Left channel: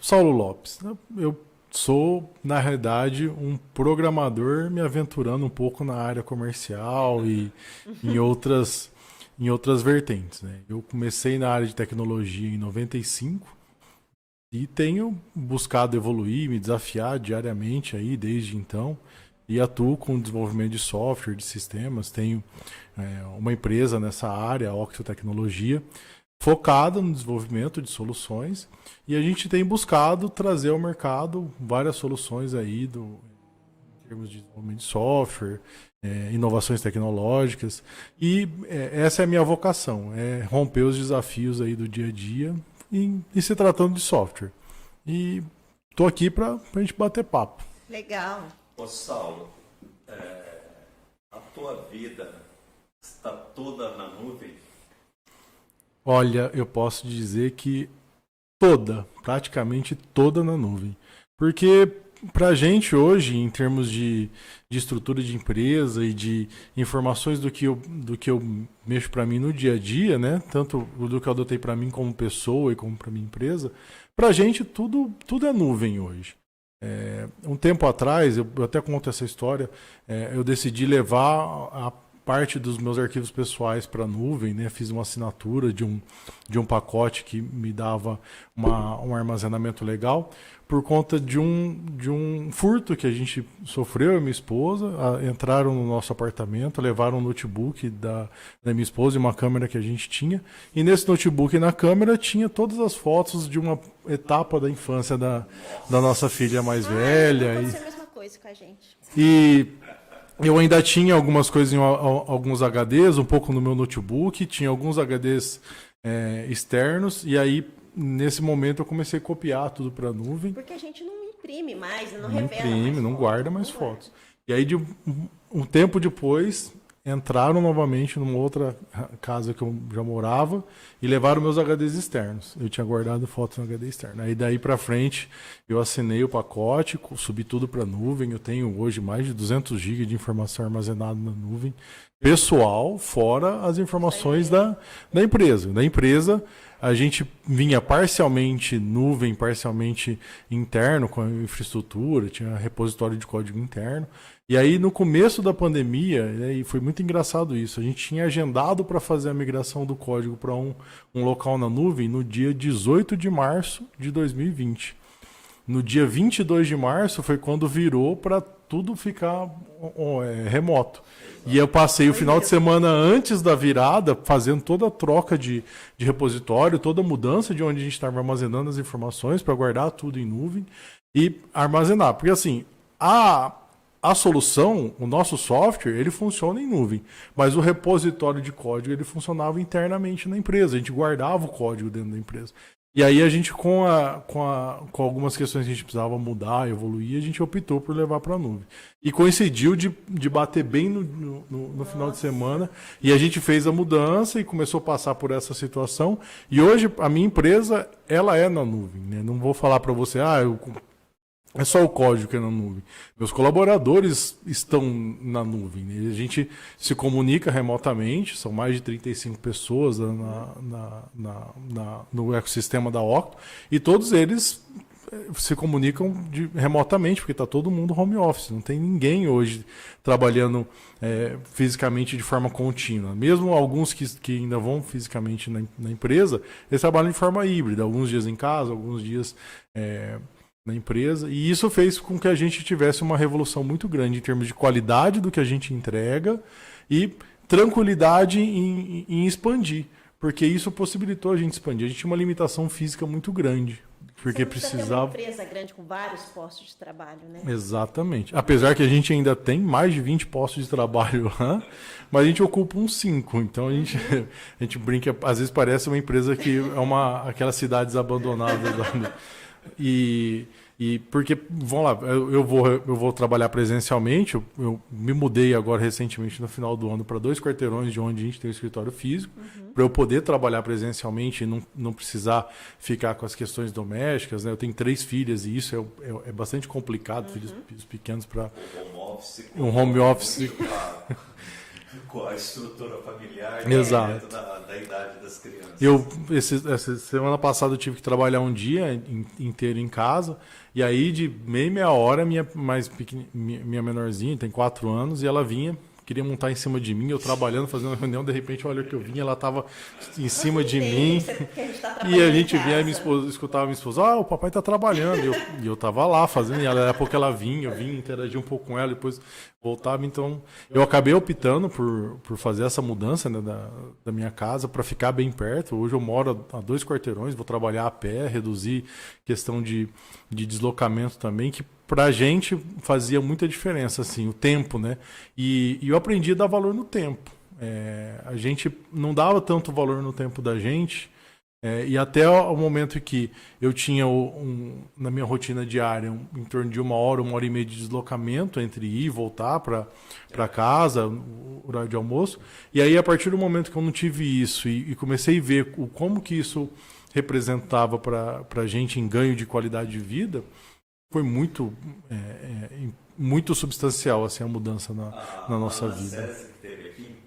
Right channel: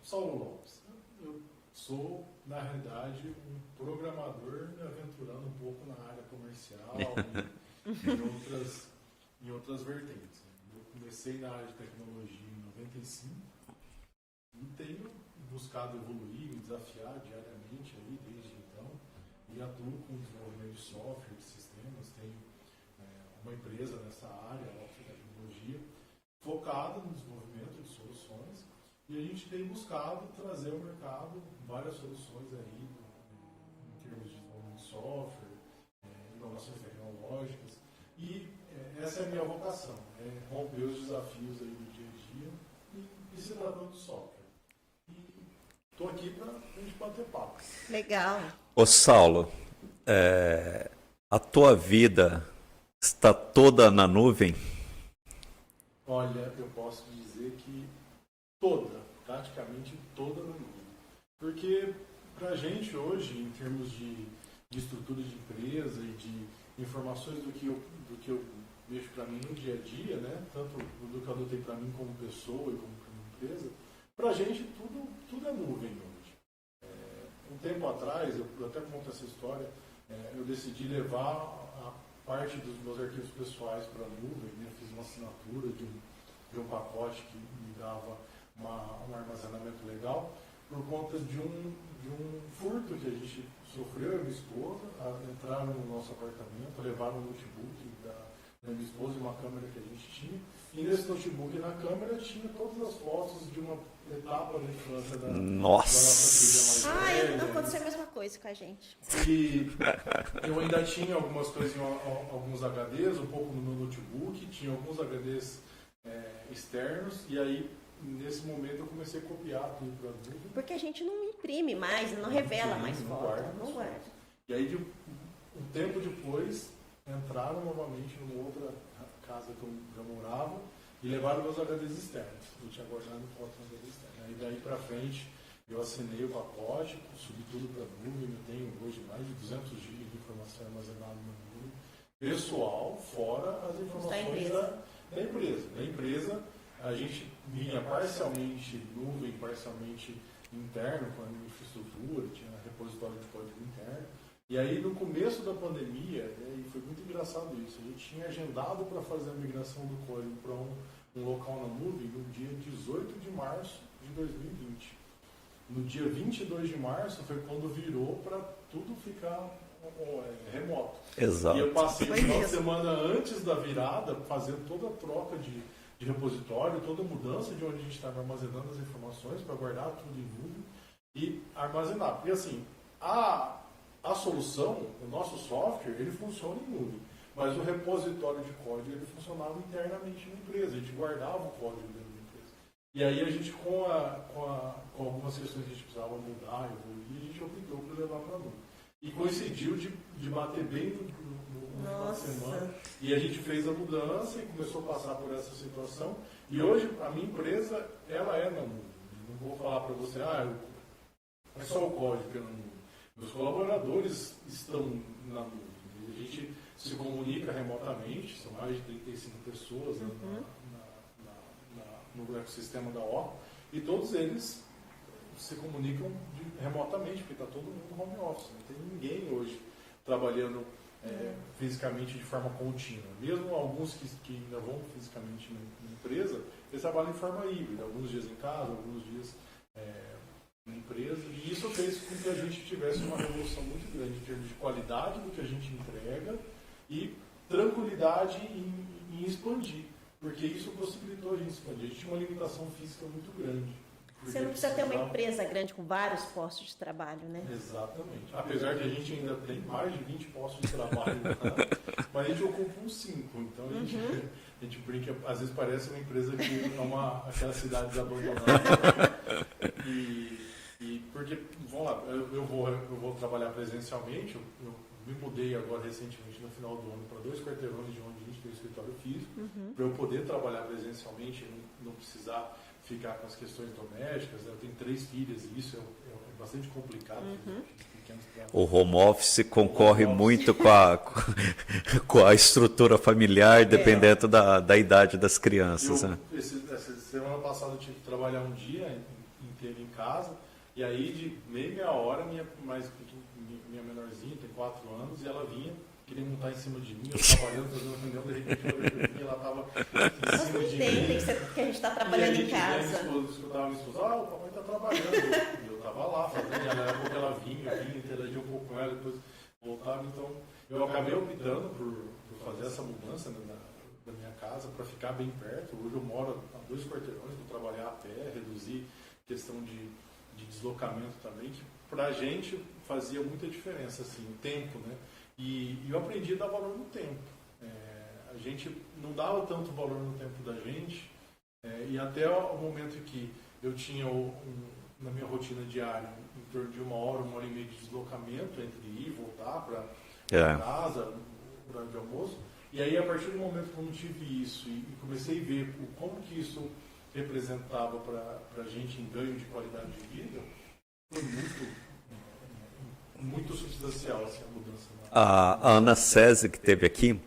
Saulo Lopes. Eu sou, na realidade, um programador me aventurando um pouco na área comercial e em outras vertentes, né? Eu comecei na área de tecnologia em 95 e tenho buscado evoluir, me desafiar diariamente aí desde então e atuo com desenvolvimento de software, de sistemas. Tenho uma empresa nessa área, a Octio Tecnologia, focada no desenvolvimento de soluções e a gente tem buscado trazer ao mercado várias soluções aí em termos de desenvolvimento de software, inovações tecnológicas e essa é a minha vocação, é romper os desafios aí do dia a dia e se tratando de software. E tô aqui para a gente bater papo. Legal. Ô Saulo, a tua vida está toda na nuvem? Olha, eu posso dizer que praticamente toda na nuvem. Porque para a gente hoje, em termos de estrutura de empresa e de informações do que eu mexo para mim no dia a dia, né? Tanto do que eu adotei para mim como pessoa e como para minha empresa, para a gente tudo é nuvem hoje. Um tempo atrás, eu até conto essa história, eu decidi levar a parte dos meus arquivos pessoais para a nuvem, né? Fiz uma assinatura de um pacote que me dava um armazenamento legal, por conta de um furto que a gente sofreu, eu e minha esposa. Entraram no nosso apartamento, levaram um notebook da minha esposa e uma câmera que a gente tinha. E nesse notebook e na câmera tinha todas as fotos de uma etapa da infância da nossa filha mais velha. Aconteceu a mesma coisa com a gente. E eu ainda tinha algumas coisas em alguns HDs, um pouco no meu notebook, tinha alguns HDs externos, e aí nesse momento eu comecei a copiar tudo para a nuvem. Porque a gente não imprime mais, não revela mais não foto, guarda mais fotos. E aí um tempo depois entraram novamente numa outra casa que eu já morava e levaram meus HDs externos. Eu tinha guardado fotos no HD externo. Aí daí para frente eu assinei o pacote, subi tudo para a nuvem. Eu tenho hoje mais de 200 GB de informação armazenada na nuvem pessoal, fora as informações da empresa. Da empresa a gente vinha parcialmente nuvem, parcialmente interno, com a infraestrutura, tinha repositório de código interno. E aí, no começo da pandemia, e foi muito engraçado isso, a gente tinha agendado para fazer a migração do código para um local na nuvem no dia 18 de março de 2020. No dia 22 de março foi quando virou para tudo ficar remoto. Exato. E eu passei o final de semana antes da virada fazendo toda a troca de repositório, toda a mudança de onde a gente estava armazenando as informações para guardar tudo em nuvem e armazenar. Porque assim, a solução, o nosso software, ele funciona em nuvem, mas o repositório de código ele funcionava internamente na empresa, a gente guardava o código dentro da empresa. E aí a gente, com algumas questões que a gente precisava mudar, evoluir, a gente optou por levar para a nuvem. E coincidiu de bater bem no final de semana, e a gente fez a mudança e começou a passar por essa situação. E hoje a minha empresa, ela é na nuvem, né? Não vou falar para você, é só o código que é na nuvem. Meus colaboradores estão na nuvem, né? A gente se comunica remotamente, são mais de 35 pessoas no ecossistema da Octo, e todos eles se comunicam remotamente, porque está todo mundo home office. Não tem ninguém hoje trabalhando fisicamente de forma contínua. Mesmo alguns que ainda vão fisicamente na empresa, eles trabalham de forma híbrida, alguns dias em casa, alguns dias na empresa, e isso fez com que a gente tivesse uma revolução muito grande em termos de qualidade do que a gente entrega e tranquilidade em expandir, porque isso possibilitou a gente expandir. A gente tinha uma limitação física muito grande, porque você não precisa ter uma empresa grande com vários postos de trabalho, né? Exatamente. Apesar que a gente ainda tem mais de 20 postos de trabalho lá, mas a gente ocupa uns 5. Então a gente brinca, às vezes parece uma empresa que é aquelas cidades abandonadas lá, né? E porque, vamos lá, eu vou trabalhar presencialmente, eu me mudei agora recentemente no final do ano para 2 quarteirões de onde a gente tem o escritório físico, para eu poder trabalhar presencialmente e não precisar ficar com as questões domésticas, né? Eu tenho 3 filhas e isso é bastante complicado, filhos pequenos para... O home office concorre muito com a estrutura familiar, dependendo da idade das crianças. Essa semana passada eu tive que trabalhar um dia inteiro em casa. E aí, de meia hora, minha menorzinha, tem 4 anos, e ela vinha, queria montar em cima de mim, eu trabalhando, fazendo uma reunião, de repente, olha o que eu vinha, ela estava em cima de mim. Que a gente tá E a gente vinha, escutava minha esposa, o papai está trabalhando. E eu estava lá fazendo, e daqui a pouco ela vinha, eu vinha interagir um pouco com ela, depois voltava. Então, eu acabei optando por fazer essa mudança, né, da minha casa para ficar bem perto. Hoje eu moro a 2 quarteirões, vou trabalhar a pé, reduzir questão de deslocamento também, que pra gente fazia muita diferença, assim, o tempo, né? E eu aprendi a dar valor no tempo. A gente não dava tanto valor no tempo da gente, e até o momento que eu tinha na minha rotina diária em torno de 1 hora e meia de deslocamento entre ir e voltar para casa, o horário de almoço. E aí, a partir do momento que eu não tive isso e comecei a ver como que isso representava para a gente em ganho de qualidade de vida, foi muito substancial assim, a mudança na nossa A Ana vida. César, que esteve aqui,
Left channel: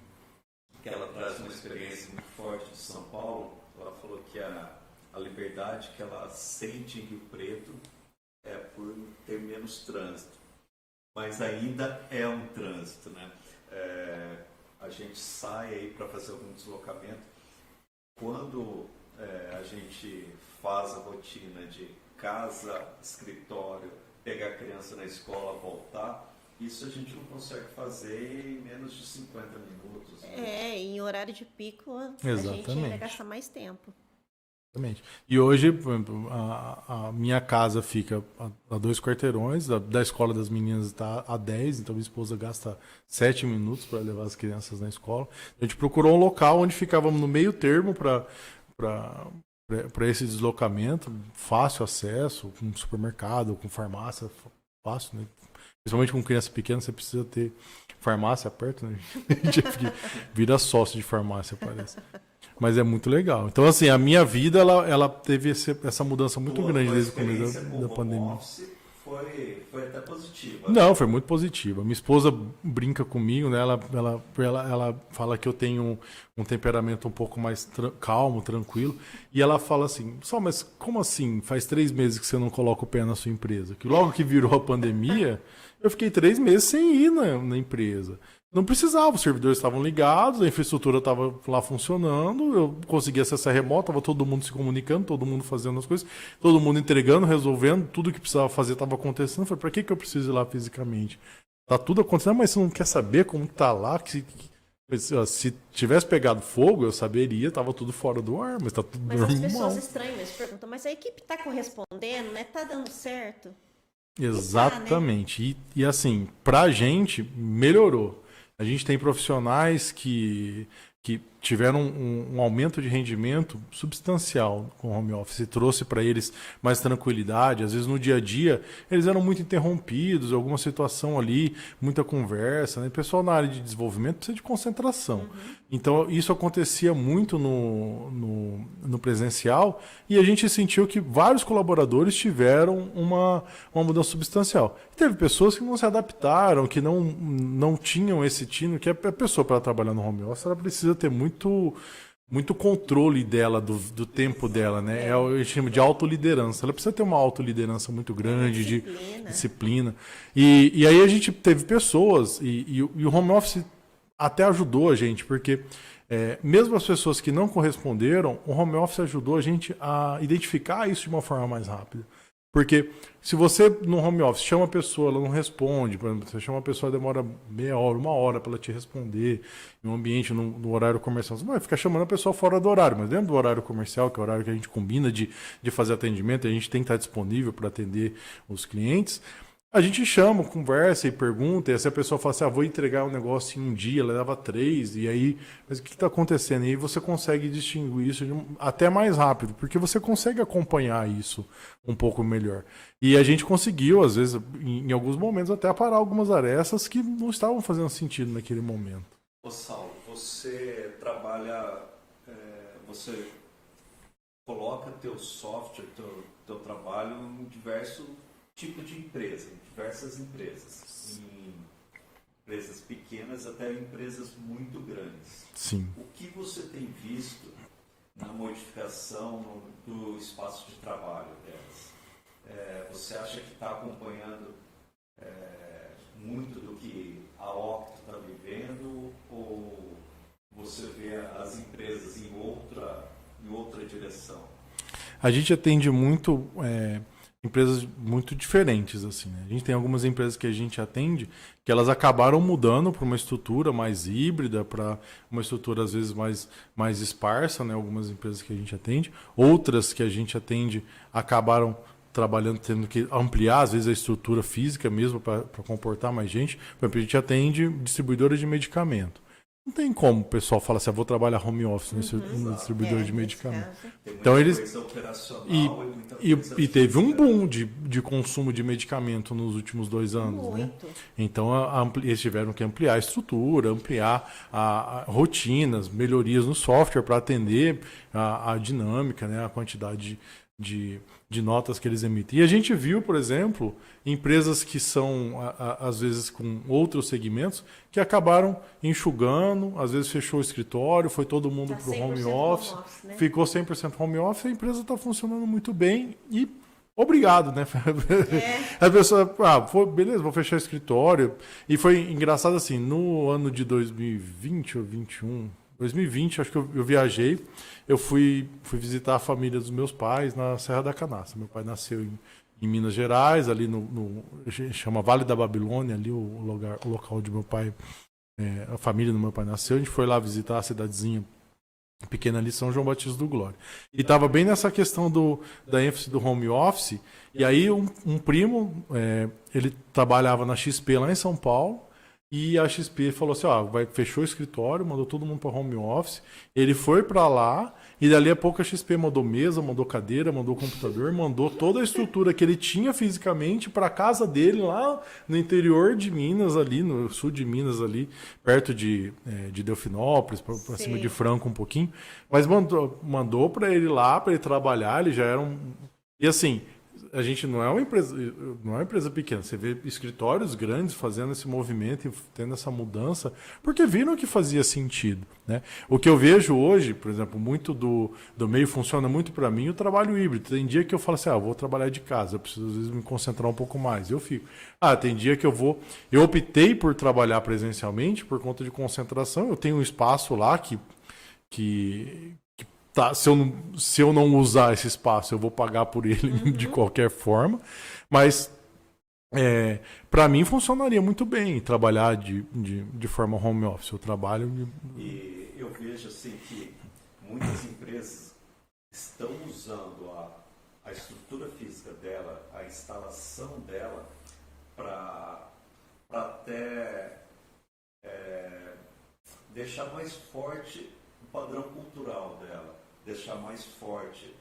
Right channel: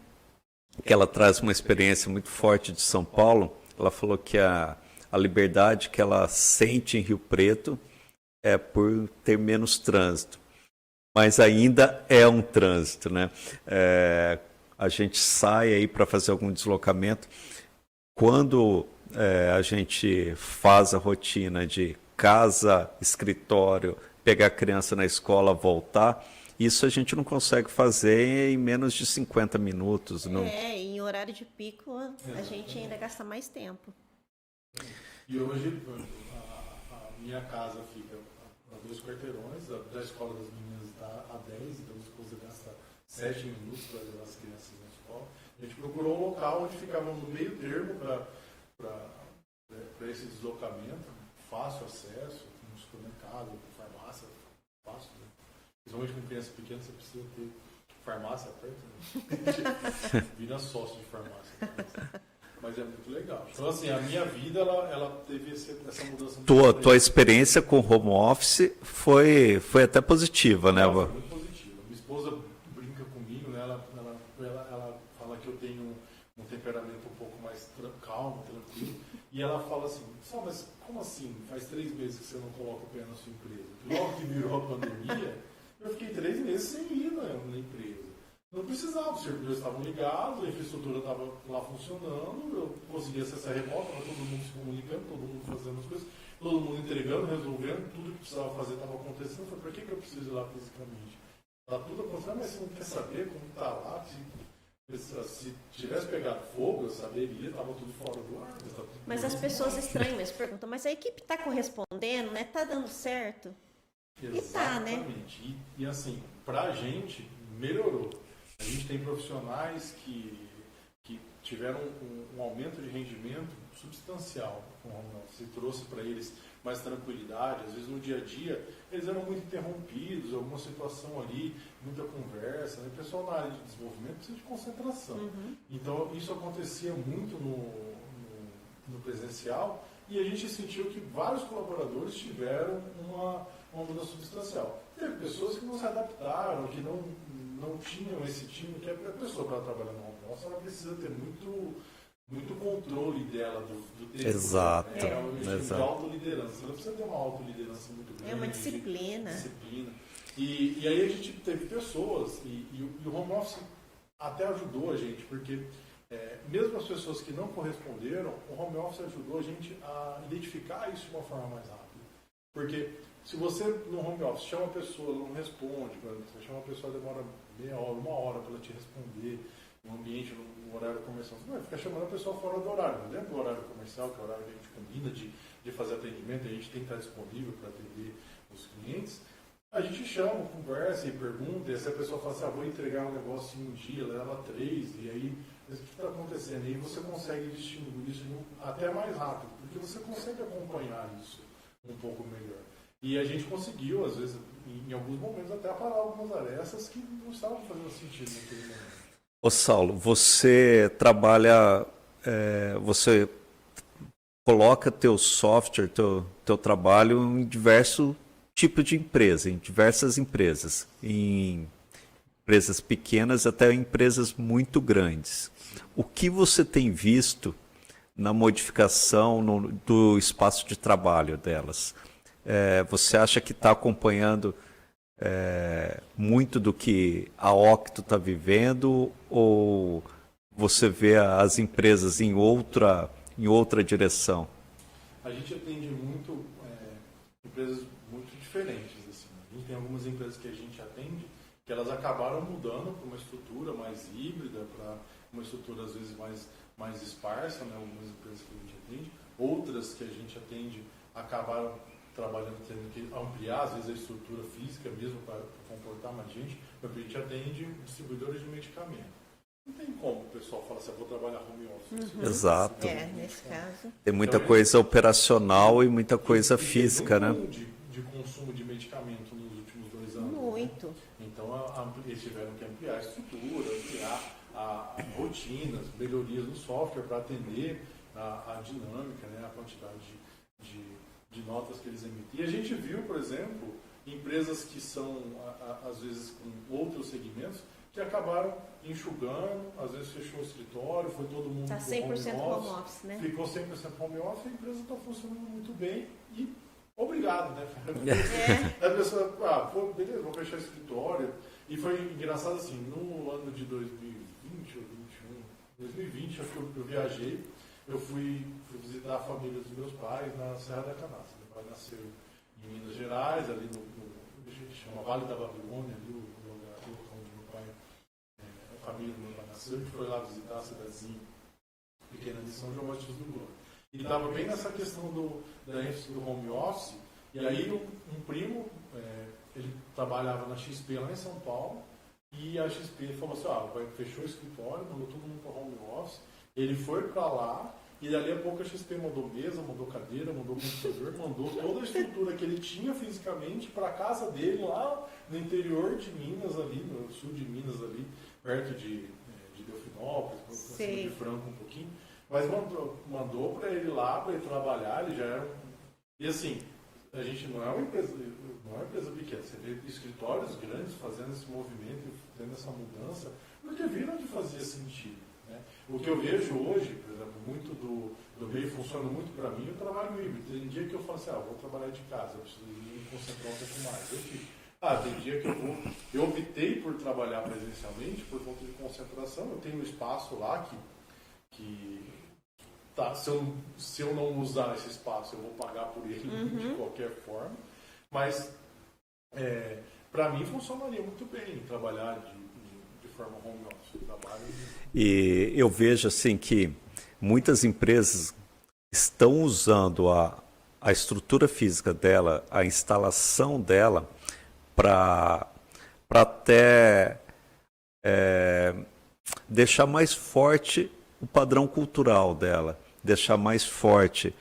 que ela traz uma experiência muito forte de São Paulo, ela falou que a liberdade que ela sente em Rio Preto é por ter menos trânsito. Mas ainda é um trânsito, né? A gente sai aí para fazer algum deslocamento. Quando a gente faz a rotina de casa, escritório, pegar a criança na escola, voltar, isso a gente não consegue fazer em menos de 50 minutos. Não? Em horário de pico, a gente ainda gasta mais tempo. E hoje, por exemplo, a minha casa fica a 2 quarteirões, da escola das meninas está a 10, então minha esposa gasta 7 minutos para levar as crianças na escola. A gente procurou um local onde ficávamos no meio termo para esse deslocamento, fácil acesso, com supermercado, com farmácia, fácil, né? Principalmente com criança pequena, você precisa ter farmácia perto, né? A gente vira sócio de farmácia, parece. Mas é muito legal. Então, assim, a minha vida, ela teve essa mudança muito grande. Tua experiência com o home office foi até positiva, né? Não, foi muito positiva. Minha esposa brinca comigo, né? Ela fala que eu tenho um temperamento um pouco mais calmo, tranquilo. E ela fala assim, mas como assim? Faz 3 meses que você não coloca o pé na sua empresa? Que logo que virou a pandemia, eu fiquei 3 meses sem ir na empresa. Não precisava, os servidores estavam ligados, a infraestrutura estava lá funcionando, eu conseguia acessar remoto, estava todo mundo se comunicando, todo mundo fazendo as coisas, todo mundo entregando, resolvendo, tudo que precisava fazer estava acontecendo. Eu falei, para que eu preciso ir lá fisicamente? Está tudo acontecendo, mas você não quer saber como está lá? Se tivesse pegado fogo, eu saberia, estava tudo fora do ar, mas está tudo Mas as pessoas estranham, mas perguntam, mas a equipe está correspondendo, né? Está dando certo? Exatamente. E tá, né? E assim, para a gente, melhorou. A gente tem profissionais que tiveram um aumento de rendimento substancial com o home office, trouxe para eles mais tranquilidade. Às vezes no dia a dia eles eram muito interrompidos, alguma situação ali, muita conversa, né? O pessoal na área de desenvolvimento precisa de concentração. Então isso acontecia muito no presencial e a gente sentiu que vários colaboradores tiveram uma mudança substancial. Teve pessoas que não se adaptaram, que não tinham esse tino, que a pessoa para trabalhar no home office ela precisa ter muito controle dela, do tempo dela, né? Eu chamo de autoliderança. Ela precisa ter uma autoliderança muito grande, de disciplina. E aí a gente teve pessoas, e o home office até ajudou a gente, porque mesmo as pessoas que não corresponderam, o home office ajudou a gente a identificar isso de uma forma mais rápida. Porque se você no home office chama a pessoa, ela não responde, por exemplo, você chama a pessoa, demora meia hora, 1 hora para ela te responder, em um ambiente, no horário comercial, você não vai ficar chamando a pessoa fora do horário, mas dentro do horário comercial, que é o horário que a gente combina de fazer atendimento, a gente tem que estar disponível para atender os clientes. A gente chama, conversa e pergunta, e se a pessoa fala assim, vou entregar um negócio em um dia, ela leva 3, e aí, mas o que está acontecendo? E aí você consegue distinguir isso até mais rápido, porque você consegue acompanhar isso um pouco melhor. E a gente conseguiu, às vezes, em alguns momentos, até parar algumas arestas que não estavam fazendo sentido naquele momento. Ô Saulo, você trabalha, você coloca teu software, teu trabalho em diversos tipos de empresa, em diversas empresas, em empresas pequenas até empresas muito grandes. Sim. O que você tem visto na modificação do espaço de trabalho delas? Você acha que está acompanhando muito do que a Octo está vivendo, ou você vê as empresas em outra direção? A gente atende muito empresas muito diferentes, assim, né? A gente tem algumas empresas que a gente atende que elas acabaram mudando para uma estrutura mais híbrida, para uma estrutura às vezes mais esparsa, né? Algumas empresas que a gente atende, outras que a gente atende acabaram trabalhando, tendo que ampliar às vezes a estrutura física mesmo para comportar mais gente. Por exemplo, a gente atende distribuidora de medicamento. Não tem como o pessoal falar assim, vou trabalhar home office nesse distribuidor de medicamento. Tem muita coisa operacional e muita coisa física. E teve um boom de consumo de medicamento nos últimos 2 anos. Muito. Né? Então, eles tiveram que ampliar a estrutura, ampliar rotinas, melhorias no software para atender a dinâmica, né? A quantidade de notas que eles emitem. E a gente viu, por exemplo, empresas que são, às vezes, com outros segmentos, que acabaram enxugando, às vezes fechou o escritório, foi todo mundo para o home office, né? Ficou 100% home office, a empresa está funcionando muito bem e obrigado, né? A pessoa, beleza, vou fechar o escritório. E foi engraçado assim, no ano de 2020 ou 2021, 2020, acho que eu viajei, eu fui visitar a família dos meus pais na Serra da Canastra. Meu pai nasceu em Minas Gerais, ali chama Vale da Babilônia, ali o local onde meu pai, a família do meu pai nasceu. A gente foi lá visitar a cidadezinha pequena ali, São João Batista do Glória. E estava bem nessa questão da ênfase do home office. E aí um primo, ele trabalhava na XP lá em São Paulo, e a XP falou assim, fechou o escritório, mandou todo mundo para home office. Ele foi para lá, e dali a pouco a XP mandou mesa, mandou cadeira, mandou computador, mandou toda a estrutura que ele tinha fisicamente para a casa dele lá no interior de Minas, ali no sul de Minas, ali perto de Delfinópolis, para cima de Franco um pouquinho. Mas mandou para ele lá, para ele trabalhar, ele já era um... E assim, a gente não é uma empresa pequena. Você vê escritórios grandes fazendo esse movimento e tendo essa mudança, porque viram que fazia sentido, né? O que eu vejo hoje, por exemplo, muito do meio funciona muito para mim o trabalho híbrido. Tem dia que eu falo assim, vou trabalhar de casa, eu preciso às vezes me concentrar um pouco mais. Eu fico. Tem dia que eu optei por trabalhar presencialmente por conta de concentração. Eu tenho um espaço lá que se eu não usar esse espaço, eu vou pagar por ele de qualquer forma. Mas, para mim, funcionaria muito bem trabalhar de forma home office. Eu trabalho... E eu vejo assim que muitas empresas estão usando a estrutura física dela, a instalação dela, para até deixar mais forte o padrão cultural dela, deixar mais forte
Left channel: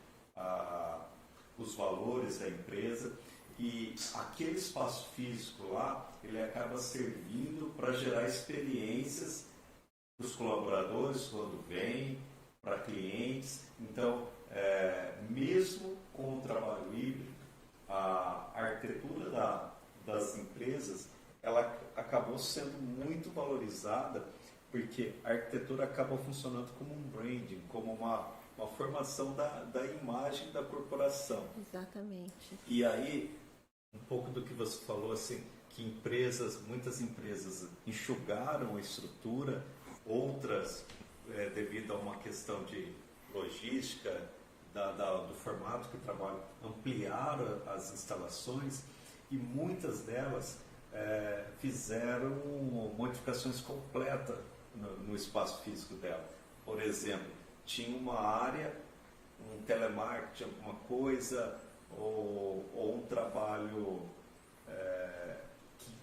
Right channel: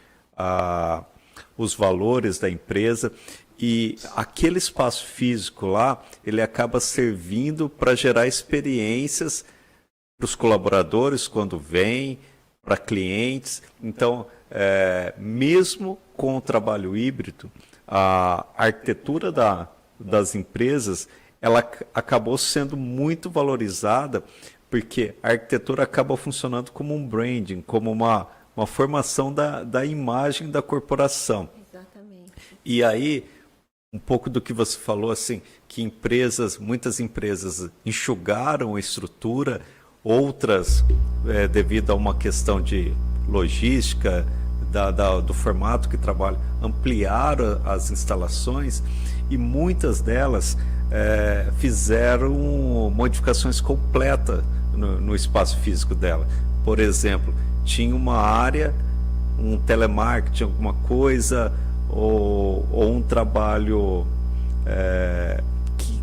os valores da empresa, e aquele espaço físico lá, ele acaba servindo para gerar experiências para os colaboradores quando vêm, para clientes. Então, mesmo com o trabalho híbrido, a arquitetura das empresas, ela acabou sendo muito valorizada, porque a arquitetura acaba funcionando como um branding, como uma formação da imagem da corporação. Exatamente. E aí, um pouco do que você falou, assim, que muitas empresas enxugaram a estrutura, outras, devido a uma questão de logística, do formato que trabalha, ampliaram as instalações, e muitas delas fizeram modificações completas no espaço físico dela. Por exemplo, tinha uma área, um telemarketing, alguma coisa, ou um trabalho que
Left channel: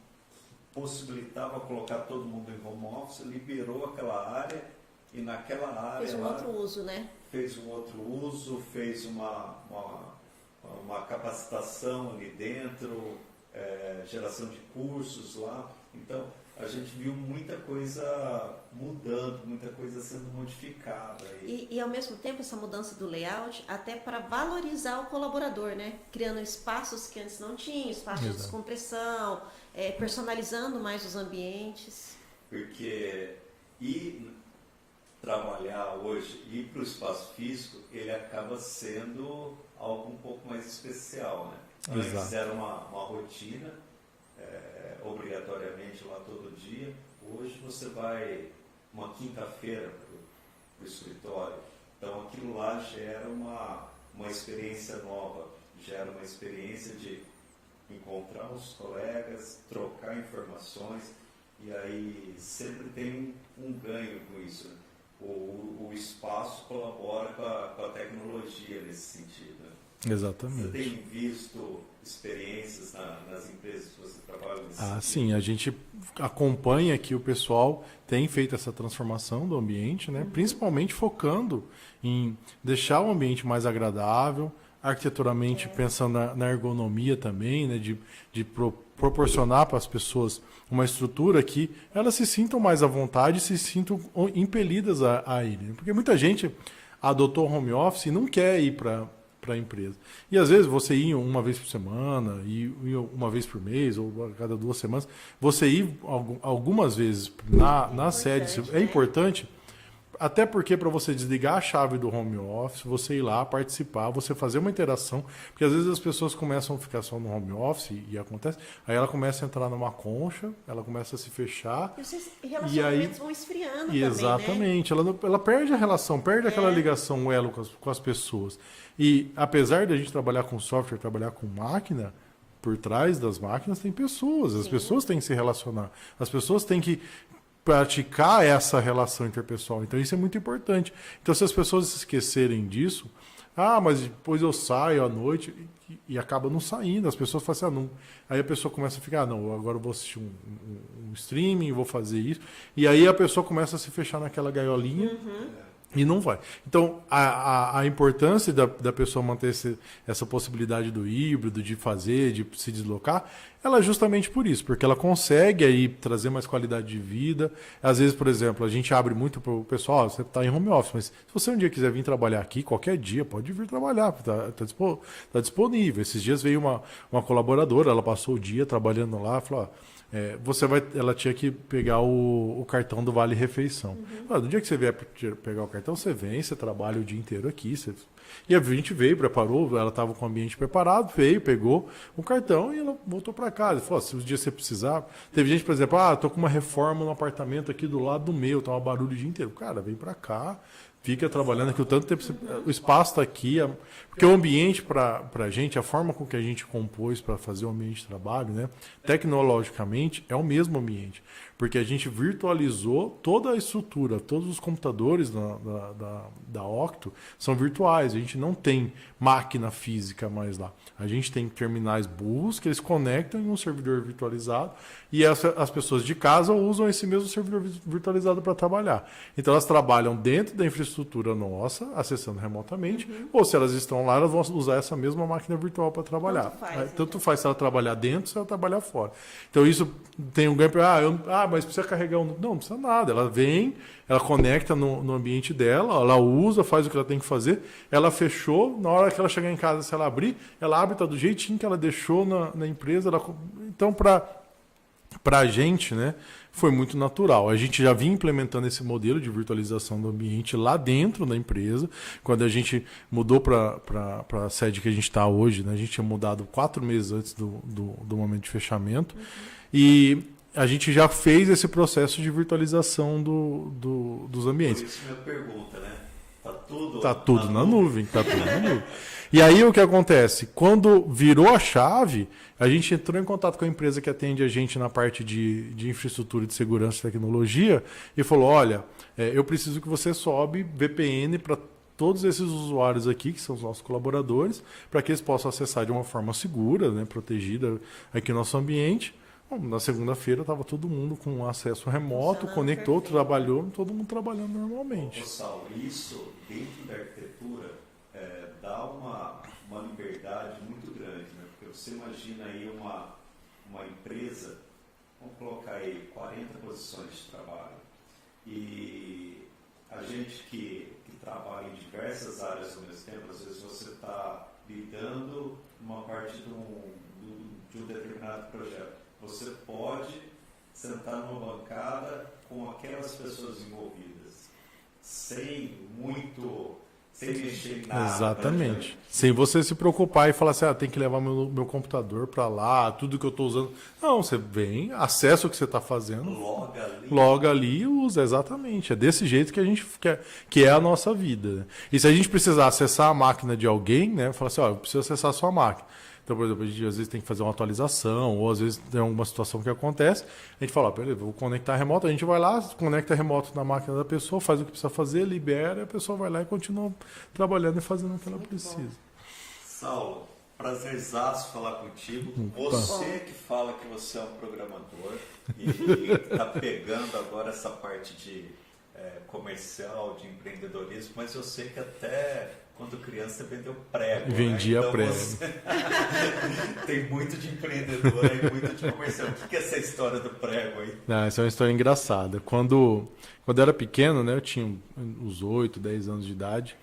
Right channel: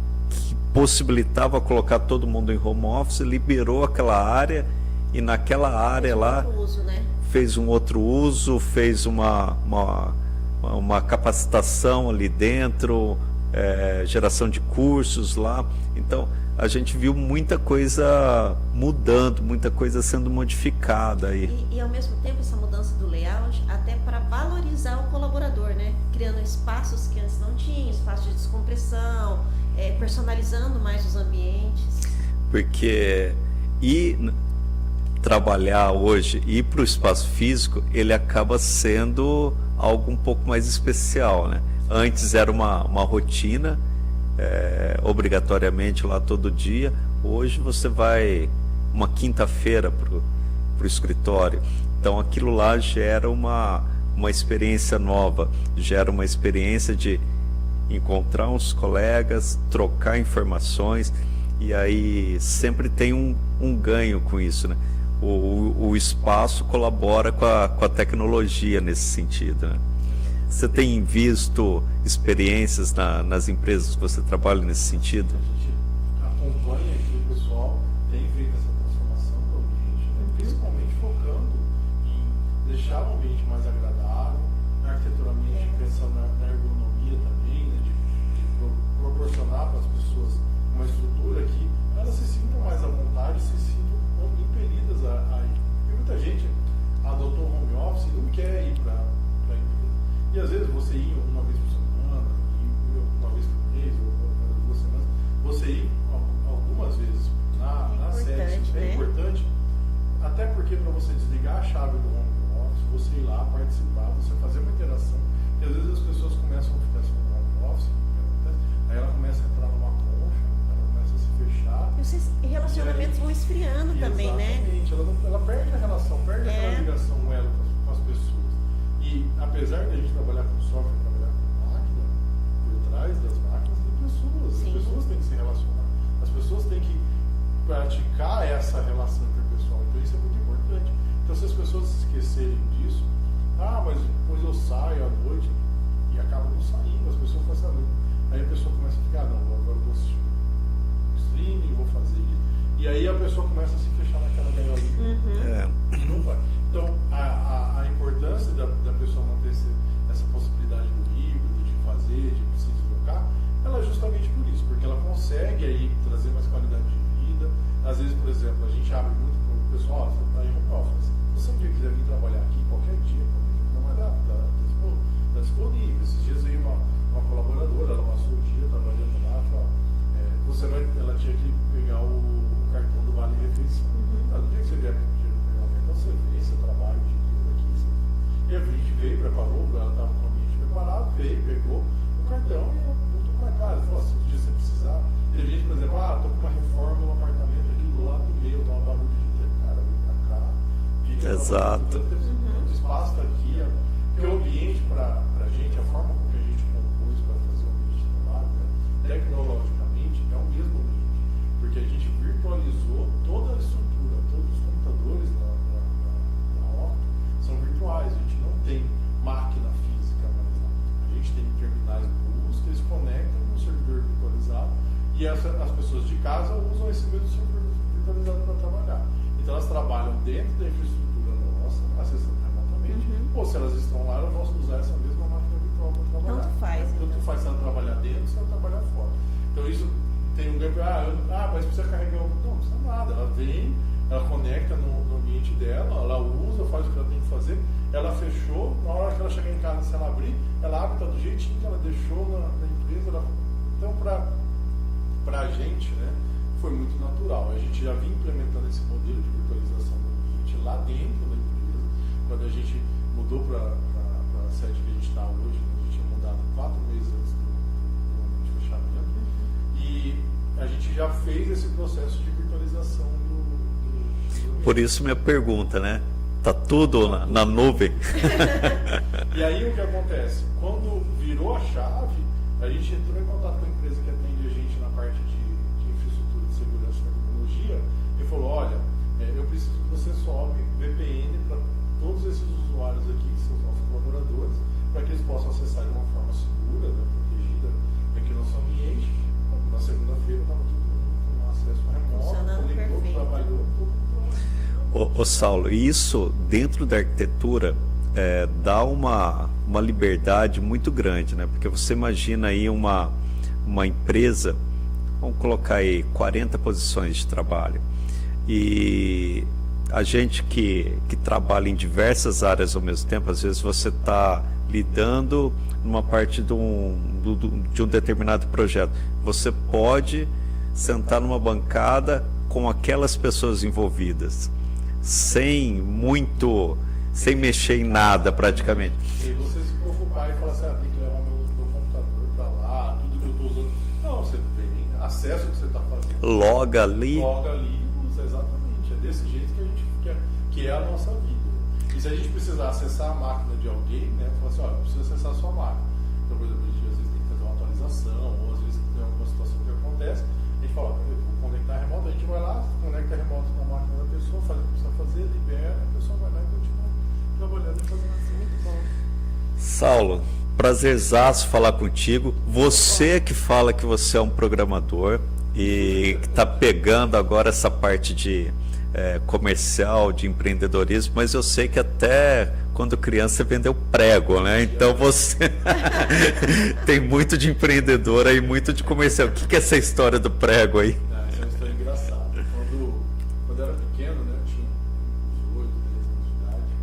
possibilitava colocar todo mundo em home office, liberou aquela área e naquela área lá outro uso, né? fez um outro uso, fez uma capacitação ali dentro, geração de cursos lá. Então, a gente viu muita coisa mudando, muita coisa sendo modificada aí. E ao mesmo tempo essa mudança do layout até para valorizar o colaborador, né? Criando espaços que antes não tinham, espaços de descompressão, personalizando mais os ambientes. Porque trabalhar hoje, ir para o espaço físico, ele acaba sendo algo um pouco mais especial, né? Antes era uma rotina, obrigatoriamente lá todo dia. Hoje você vai uma quinta-feira para o escritório. Então aquilo lá gera uma experiência nova, gera uma experiência de encontrar uns colegas, trocar informações, e aí sempre tem um ganho com isso, né? O espaço colabora com a tecnologia nesse sentido, né? Exatamente. Você tem visto experiências nas empresas que você trabalha nesse sentido? Sim, a gente acompanha que o pessoal tem feito essa transformação do ambiente, né? Principalmente focando em deixar o ambiente mais agradável, arquiteturamente pensando na ergonomia também, né? de proporcionar para as pessoas uma estrutura que elas se sintam mais à vontade, se sintam impelidas a ir. Porque muita gente adotou home office e não quer ir para a empresa. E às vezes você ir uma vez por semana, ir uma vez por mês, ou a cada 2 semanas, você ir algumas vezes na sede é importante, até porque para você desligar a chave do home office, você ir lá participar, você fazer uma interação, porque às vezes as pessoas começam a ficar só no home office e acontece, aí ela começa a entrar numa concha, ela começa a se fechar. E os relacionamentos vão esfriando também, né? Exatamente, ela perde a relação, perde aquela ligação, o elo com as pessoas. E apesar de a gente trabalhar com software, trabalhar com máquina, por trás das máquinas tem pessoas, as pessoas têm que se relacionar, as pessoas têm que praticar essa relação interpessoal. Então isso é muito importante. Então se as pessoas se esquecerem disso, mas depois eu saio à noite e acaba não saindo, as pessoas falam assim, não. Aí a pessoa começa a ficar, não, agora eu vou assistir um streaming, vou fazer isso, e aí a pessoa começa a se fechar naquela gaiolinha e não vai. Então a importância da pessoa manter essa possibilidade do híbrido, de fazer, de se deslocar, ela é justamente por isso, porque ela consegue aí trazer mais qualidade de vida. Às vezes, por exemplo, a gente abre muito para o pessoal, você está em home office, mas se você um dia quiser vir trabalhar aqui, qualquer dia, pode vir trabalhar, tá disponível. Esses dias veio uma colaboradora, ela passou o dia trabalhando lá, falou, ela tinha que pegar o cartão do Vale Refeição. No dia que você vier pegar o cartão, você vem, você trabalha o dia inteiro aqui, e a gente veio, preparou, ela estava com o ambiente preparado, veio, pegou o cartão e ela voltou para casa. Ela falou, se um dia você precisar... Teve gente, por exemplo, tô com uma reforma no apartamento aqui do lado do meu, tá um barulho o dia inteiro. Cara, vem para cá, fica trabalhando aqui o tanto tempo. O espaço está aqui, porque o ambiente para a gente, a forma com que a gente compôs para fazer o ambiente de trabalho, né, tecnologicamente, é o mesmo ambiente. Porque a gente virtualizou toda a estrutura, todos os computadores da Octo são virtuais, a gente não tem máquina física mais lá. A gente tem terminais burros que eles conectam em um servidor virtualizado e as pessoas de casa usam esse mesmo servidor virtualizado para trabalhar. Então elas trabalham dentro da infraestrutura nossa, acessando remotamente, ou se elas estão lá, elas vão usar essa mesma máquina virtual para trabalhar. Tanto faz se ela trabalhar dentro, se ela trabalhar fora. Então isso tem um ganho para... mas precisa carregar Não precisa nada. Ela vem, ela conecta no ambiente dela, ela usa, faz o que ela tem que fazer, ela fechou, na hora que ela chegar em casa, se ela abrir, ela abre, tá do jeitinho que ela deixou na empresa. Então, para a gente, né, foi muito natural. A gente já vinha implementando esse modelo de virtualização do ambiente lá dentro da empresa. Quando a gente mudou para a sede que a gente está hoje, né, a gente tinha mudado 4 meses antes do momento de fechamento. E a gente já fez esse processo de virtualização dos ambientes. Por isso minha pergunta, né? Tá tudo na nuvem? Tá tudo na nuvem. E aí o que acontece? Quando virou a chave, a gente entrou em contato com a empresa que atende a gente na parte de infraestrutura de segurança e tecnologia e falou, olha, eu preciso que você sobe VPN para todos esses usuários aqui, que são os nossos colaboradores, para que eles possam acessar de uma forma segura, né, protegida aqui no nosso ambiente. Bom, na segunda-feira estava todo mundo com acesso remoto, conectou, perfeito. Trabalhou, todo mundo trabalhando normalmente. Ô Saulo, isso dentro da arquitetura dá uma liberdade muito grande, né? Porque você imagina aí uma empresa, vamos colocar aí 40 posições de trabalho, e a gente que trabalha em diversas áreas ao mesmo tempo, às vezes você está lidando numa parte de um determinado projeto. Você pode sentar numa bancada com aquelas pessoas envolvidas, sem mexer em nada. Exatamente. Praticamente. Sem você se preocupar e falar assim, tem que levar meu computador para lá, tudo que eu estou usando. Não, você vem, acessa o que você está fazendo. Loga ali e usa, exatamente. É desse jeito que a gente quer, que é a nossa vida. E se a gente precisar acessar a máquina de alguém, né, falar assim, eu preciso acessar a sua máquina. Então, por exemplo, a gente às vezes tem que fazer uma atualização, ou às vezes tem alguma situação que acontece, a gente fala, beleza, vou conectar remoto, a gente vai lá, conecta remoto na máquina da pessoa, faz o que precisa fazer, libera, a pessoa vai lá e continua trabalhando e fazendo aquela coisa. Saulo, prazerzaço falar contigo. Você que fala que você é um programador e que está pegando agora essa parte de comercial, de empreendedorismo, mas eu sei que até quando criança você vendeu prego, né? Então você tem muito de empreendedor aí, muito de comercial. O que é essa história do prego aí? Essa é uma história engraçada. Quando eu era pequeno, né, eu tinha uns 8, 10 anos de idade,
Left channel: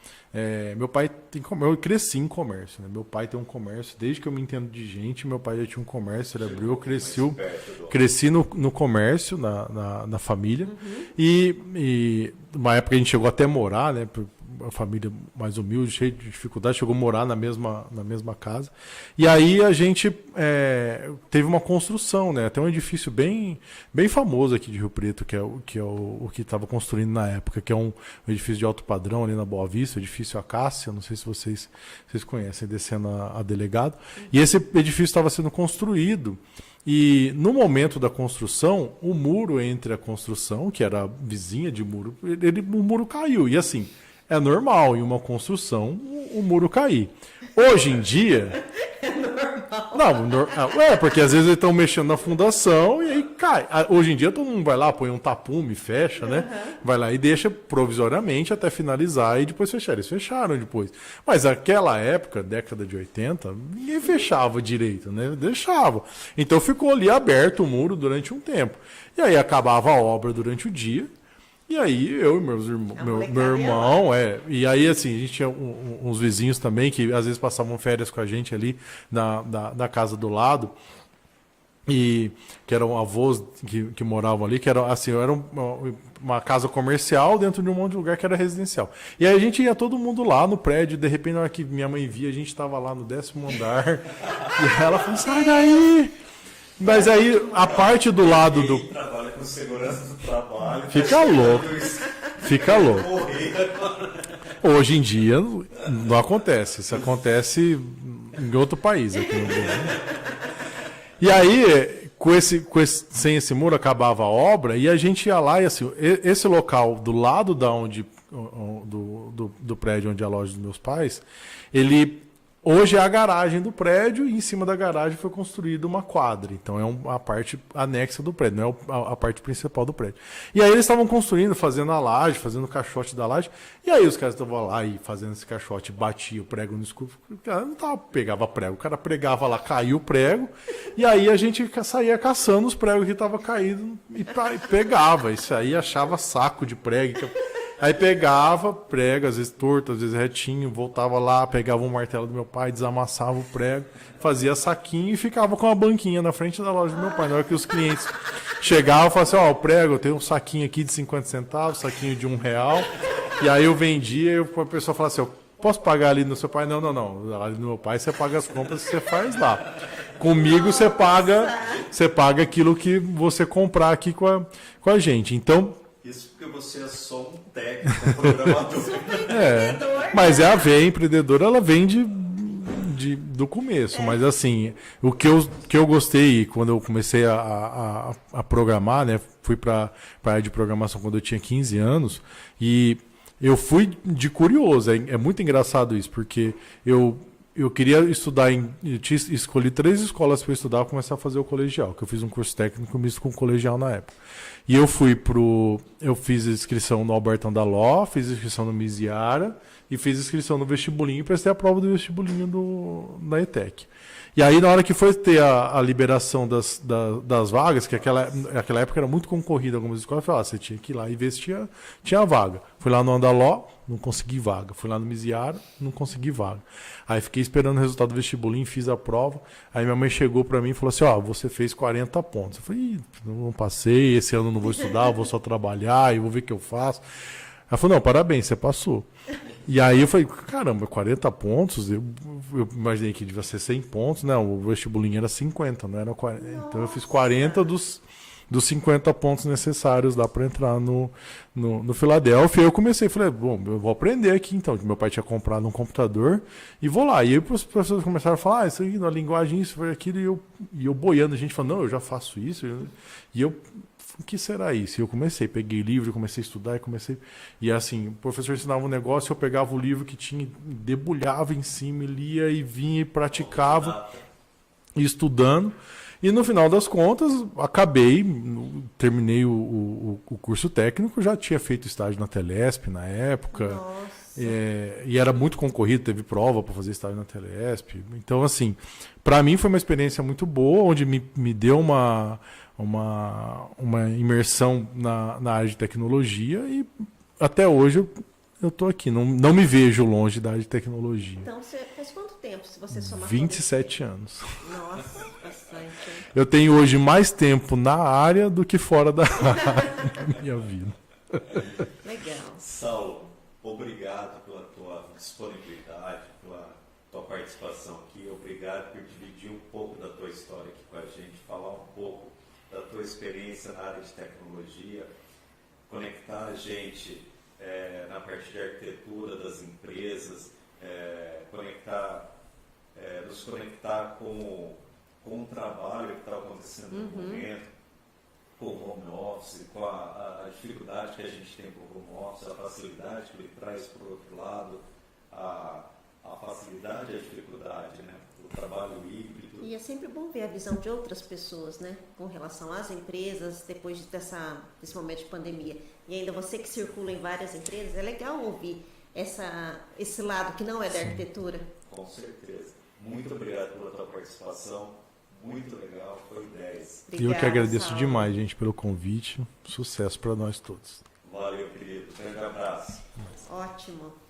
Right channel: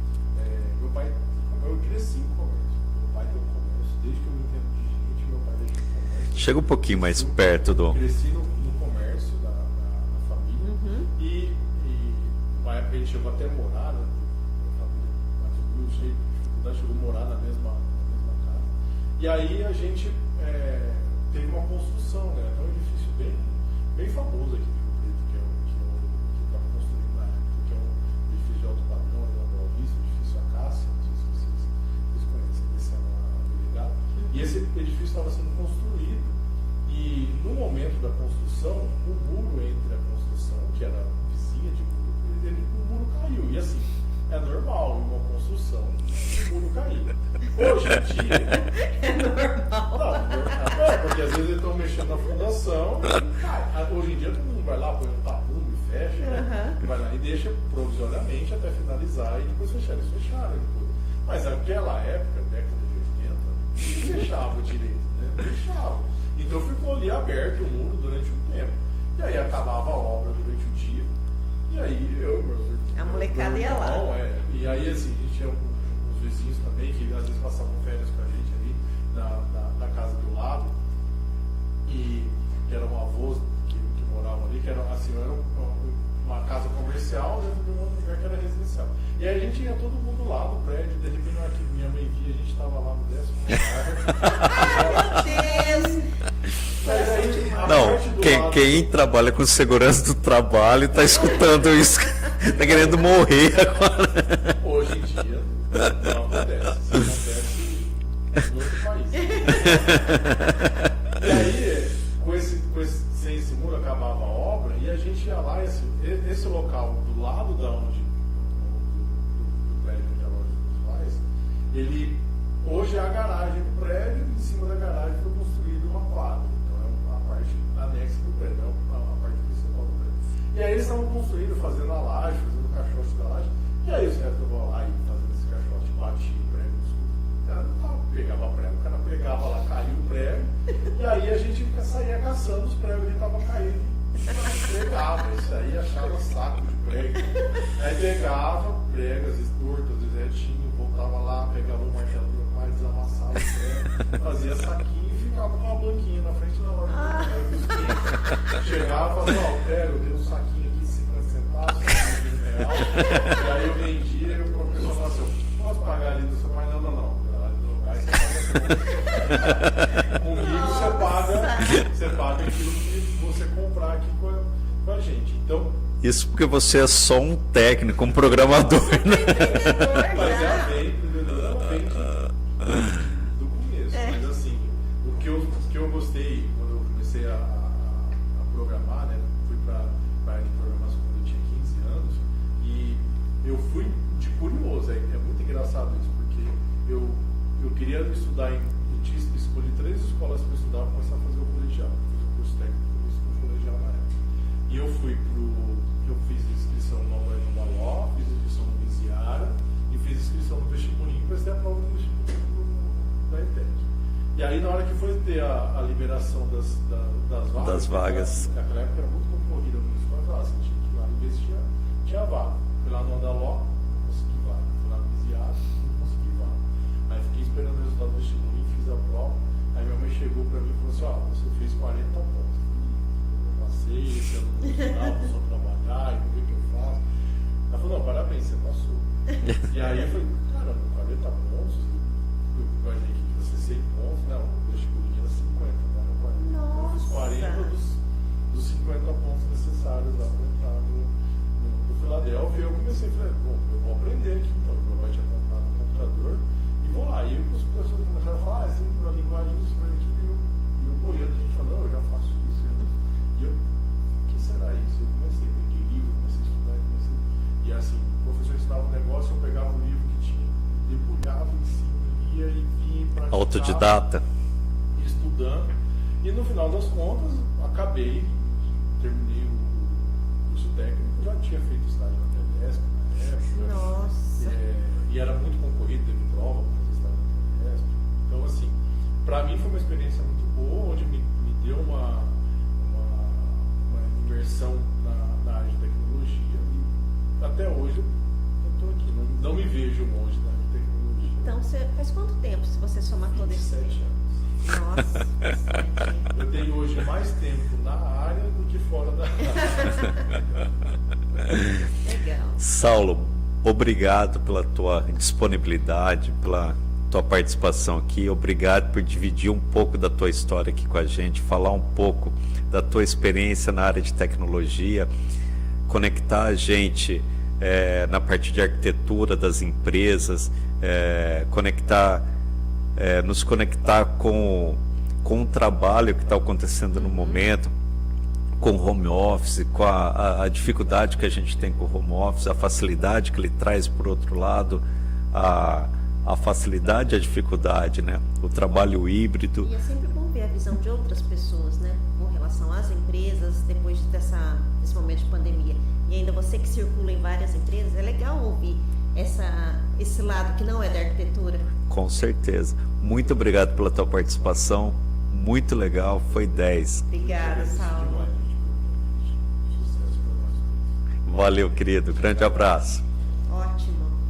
meu pai eu cresci em comércio, né? Meu pai tem um comércio, desde que eu me entendo de gente, meu pai já tinha um comércio. Chega um pouquinho mais perto do... Cresci no comércio, na família, e numa época a gente chegou até a morar, né? Uma família mais humilde, cheia de dificuldade, chegou a morar na mesma casa. E aí a gente teve uma construção, né? Até um edifício bem famoso aqui de Rio Preto, que é o que estava construindo na época, que é um edifício de alto padrão ali na Boa Vista, o edifício Acácia, não sei se vocês conhecem, descendo a Delegado. E esse edifício estava sendo construído. E no momento da construção, o muro entre a construção, que era vizinha de muro, o muro caiu. E assim, é normal em uma construção o muro cair. Hoje em dia... É normal. Não, porque às vezes eles estão mexendo na fundação e cai. Hoje em dia todo mundo vai lá, põe um tapume, fecha, né? Vai lá e deixa provisoriamente até finalizar e depois fechar. Eles fecharam depois. Mas naquela época, década de 80, nem fechava direito, né? Deixava. Então ficou ali aberto o muro durante um tempo. E aí acabava a obra durante o dia. E aí eu e meu irmão, e aí assim, a gente tinha uns vizinhos também que às vezes passavam férias com a gente ali na casa do lado, e que eram avós que moravam ali, que era assim, era uma casa comercial dentro de um monte de lugar que era residencial. E aí a gente ia todo mundo lá no prédio, de repente na hora que minha mãe via, a gente estava lá no 10º andar, e ela falou, sai daí! Mas aí a parte do lado... Quem trabalha com segurança do trabalho está escutando isso. Fica querendo morrer agora. Hoje em dia não acontece. Isso acontece em outro país. E aí, sem esse muro, acabava a obra e a gente ia lá e assim, esse local do lado do prédio onde é a loja dos meus pais, hoje é a garagem do prédio, e em cima da garagem foi construída uma quadra. Então é a parte anexa do prédio, não é a parte principal do prédio. E aí eles estavam construindo, fazendo a laje, fazendo o caixote da laje. E aí os caras estavam lá e fazendo esse caixote, batia o prego no escuro. O cara não pegava prego, o cara pregava lá, caiu o prego. E aí a gente saía caçando os pregos que estavam caídos e pegava. Isso aí achava saco de prego. Então, aí pegava prego, às vezes torto, às vezes retinho, voltava lá, pegava um martelo do meu pai, desamassava o prego, fazia saquinho e ficava com uma banquinha na frente da loja do meu pai. Na hora que os clientes chegavam, falavam assim, o prego, eu tenho um saquinho aqui de 50 centavos, saquinho de R$1. E aí eu vendia e a pessoa falava assim, posso pagar ali no seu pai? Não. Ali no meu pai você paga as compras que você faz lá. Comigo você paga aquilo que você comprar aqui com a gente. Então, isso porque você é só um técnico, um programador. Mas a veia empreendedora, ela vem do começo. Mas assim, o que eu gostei quando eu comecei a programar, né? Fui para a área de programação quando eu tinha 15 anos e eu fui de curioso, é muito engraçado isso, porque eu queria estudar eu tinha escolhi 3 escolas para estudar e começar a fazer o colegial, que eu fiz um curso técnico misto com colegial na época. E eu fiz inscrição no Albertão da Ló, fiz inscrição no Misiara e fiz inscrição no vestibulinho e prestei a prova do vestibulinho da ETEC. E aí, na hora que foi ter a liberação das vagas, que aquela época era muito concorrida algumas escolas, eu falei, você tinha que ir lá e ver se tinha vaga. Fui lá no Andaló, não consegui vaga. Fui lá no Misiara, não consegui vaga. Aí fiquei esperando o resultado do vestibulinho, fiz a prova. Aí minha mãe chegou pra mim e falou assim, você fez 40 pontos. Eu falei, não passei, esse ano não vou estudar, vou só trabalhar, eu vou ver o que eu faço. Ela falou, não, parabéns, você passou. E aí eu falei, caramba, 40 pontos, eu imaginei que devia ser 100 pontos, né? O vestibulinho era 50, não era 40. Nossa. Então eu fiz 40 dos 50 pontos necessários lá para entrar no Filadélfia. E eu comecei, falei, bom, eu vou aprender aqui então, que meu pai tinha comprado um computador e vou lá. E aí os professores começaram a falar, isso aí na linguagem, isso foi aquilo, e eu boiando, a gente falando, não, eu já faço isso. E eu, o que será isso? E eu comecei, peguei livro, comecei a estudar e assim, o professor ensinava um negócio, eu pegava o livro que tinha, debulhava em cima, lia e vinha e praticava. Autodidata. Estudando. E no final das contas, terminei o curso técnico, já tinha feito estágio na Telesp na época. Nossa. E era muito concorrido, teve prova para fazer estágio na Telesp. Então, assim, para mim foi uma experiência muito boa, onde me deu uma imersão na área de tecnologia e até hoje eu tô aqui, não me vejo longe da área de tecnologia. Então, faz quanto tempo, se você somar 27 anos. Nossa. Eu tenho hoje mais tempo na área do que fora da área da minha vida. Legal. Saulo, obrigado pela tua disponibilidade, pela tua participação aqui. Obrigado por dividir um pouco da tua história aqui com a gente, falar um pouco da tua experiência na área de tecnologia, conectar a gente na parte de arquitetura das empresas, nos conectar com o trabalho que está acontecendo no momento, com o home office, com a dificuldade que a gente tem com o home office, a facilidade que ele traz, por outro lado, a facilidade e a dificuldade, né? O trabalho híbrido. E é sempre bom ver a visão de outras pessoas, né? Com relação às empresas, depois desse momento de pandemia. E ainda você que circula em várias empresas, é legal ouvir esse lado que não é da arquitetura. Com certeza. Muito obrigado pela tua participação. Muito legal, foi 10. Obrigada, eu que agradeço Saulo. demais, gente, pelo convite. Sucesso para nós todos. Valeu, querido. Grande abraço. Ótimo.